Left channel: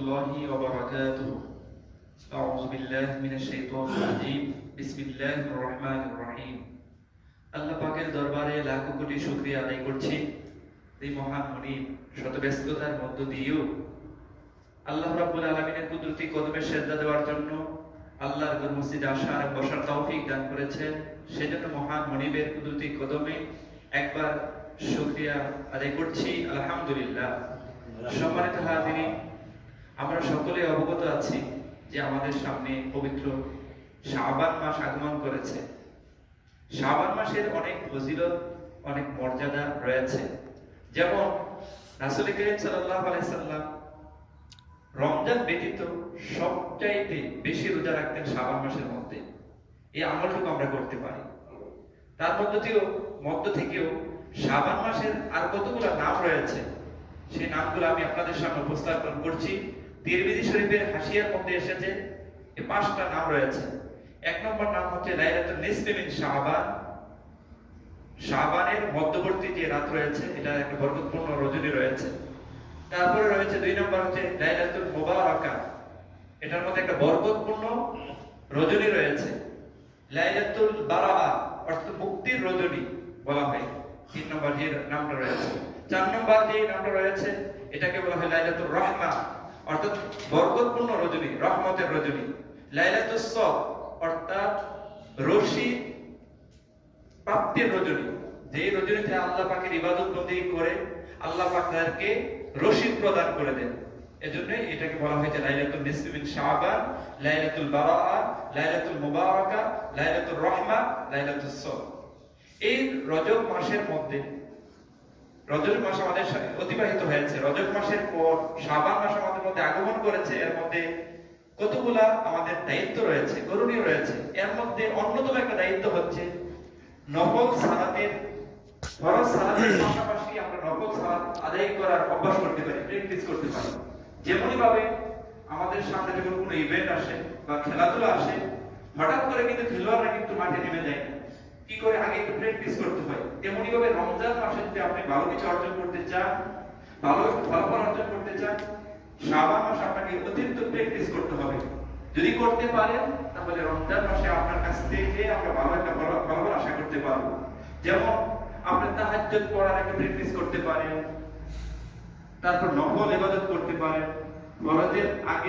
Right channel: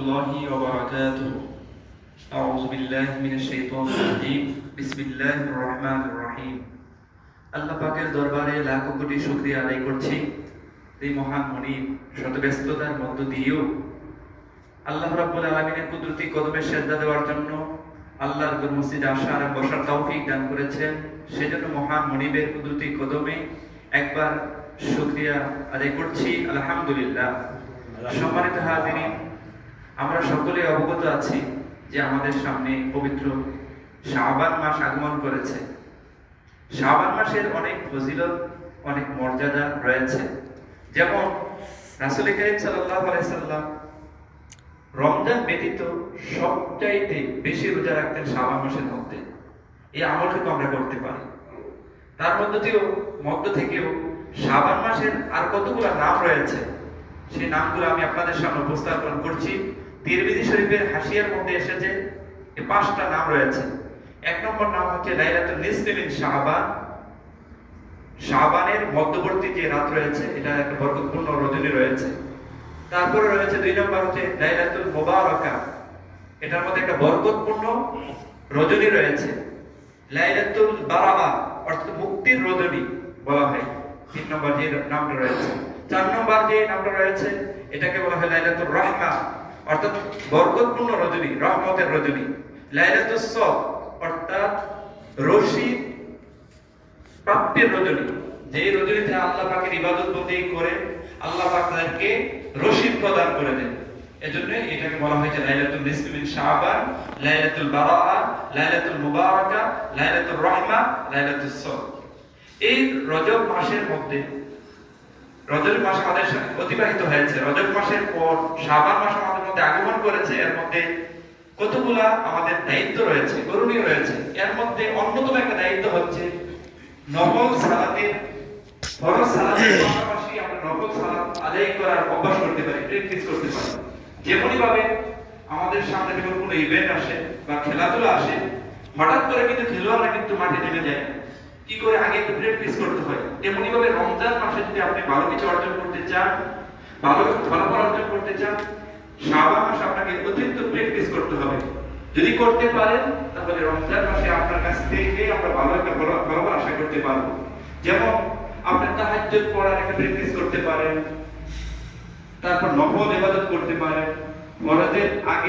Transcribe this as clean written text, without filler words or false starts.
warahmatullahi wabarakatuh. A'udzubillahi minasyaitonirrajim. Bismillahirrahmanirrahim. আল্লাহ পাকের দরবারে লাখ কোটি শুকরিয়া আদায় করছি। এই মহান মুনিব শত ব্যস্ততার মধ্য দিয়েও আল্লাহ রাব্বুল আলামিনের কুদরতি কদমে সেজদা দেওয়ার জন্য আল্লাহর মসজিদে আসার এবং বসার তৌফিক দান করেছেন। সেজন্য মহান মুনিবের কুদরতি কদমে একবার শুকরিয়া আদায় করছি, আলহামদুলিল্লাহ। সম্মানিত হাজিরিন, আমরা সকলে অবগত আছি যে আমাদের সামনে পবিত্র শাবান মাস আগমন করেছে। শাবান মাসের অনেক ফজিলত, অনেক মর্যাদা রয়েছে। যেমন রাসূল করিম সাল্লাল্লাহু আলাইহি সাল্লাম রমজান ব্যতীত সবচাইতে বেশি রোজা রাখতেন শাবান মাসের মধ্যে। এই আমলটুকু আমরা করতে পারি। তার মধ্য থেকেও শাবান মাসের আর কতগুলো নাম রয়েছে, সেই নামগুলো আমি আপনাদের সামনে উপস্থাপন করছি। তিরমিজি শরীফের হাসিয়ার মধ্যে এসেছে এই 5টা নাম রয়েছে। 1 নম্বর নাম হচ্ছে লাইলাতুল নিসফি মিন শাবান। শাবানের মধ্যবর্তী যে রাত রয়েছে, এটা একটা বরকতপূর্ণ রজনী রয়েছে। তারপরে রয়েছে 2 নম্বর হচ্ছে লাইলাতুল মুবারাকা, এটার মধ্যে একটা বরকতপূর্ণ রজনী রয়েছে। লাইলাতুল বারাআ অর্থাৎ মুক্তির রজনী বলা হয় 3 নম্বর যে নামটা রয়েছে। 4 নম্বর যে নামটা রয়েছে এটাকে বলা হয় লাইলাতুর রাহমা অর্থাৎ বরকতপূর্ণ রজনী, রহমতের রজনী। লাইলাতুস সব অর্থাৎ রশিদ প্রাপ্তির রজনী, যে রজনীতে আল্লাহ পাকের ইবাদত বন্দেগী করে আল্লাহ পাক তাদেরকে রশিদ প্রদান করে দেন। এজন্য এটাকে বলা হয়েছে লাইলাতুল নিসফি মিন শাবান, লাইলাতুল বারাআ, লাইলাতুল মুবারাকা, লাইলাতুর রাহমা, লাইলাতুস সব। এই রজব মাসের মধ্যে, রজব মাস আমাদের অতিবাহিত হয়েছে, রজব মাসের পর শাবান মাস আমাদের মধ্যে আগমন করেছে। এর মধ্যে কতগুলা আমাদের দায়িত্ব রয়েছে, করণীয় রয়েছে। এর মধ্যে অন্যতম একটা দায়িত্ব হচ্ছে নফল সালাতের, ফরজ সালাতের পাশাপাশি আমরা নফল সালাত আদায় করার অভ্যাস করতে পারি, প্র্যাকটিস করতে পারি। যেমনই ভাবে আমাদের সামনে যখন কোনো ইভেন্ট আসে বা খেলাধুলা আসে, হঠাৎ করে কিন্তু খেলোয়াড়রা কিন্তু মাঠে নেমে যায়, কি করে আগে একটু প্র্যাকটিস করতে হয়। তেমনি ভাবে রমজান মাসে যদি আপনি ভালো কিছু অর্জন করতে চান, ভালো ফলাফল অর্জন করতে চান, শাবান মাসে আপনাকে অতিরিক্ত প্র্যাকটিস করতে হবে। যদি করতে পারেন তাহলে রমজান মাসে আপনার কাছ থেকে আমরা ভালো একটা ফলাফল আশা করতে পারবো। যেমন আপনি তাহাজ্জুদ পড়ার একটা প্র্যাকটিস করতে পারেন, তারপর নফল ইবাদত করতে পারেন, ফরজের আগে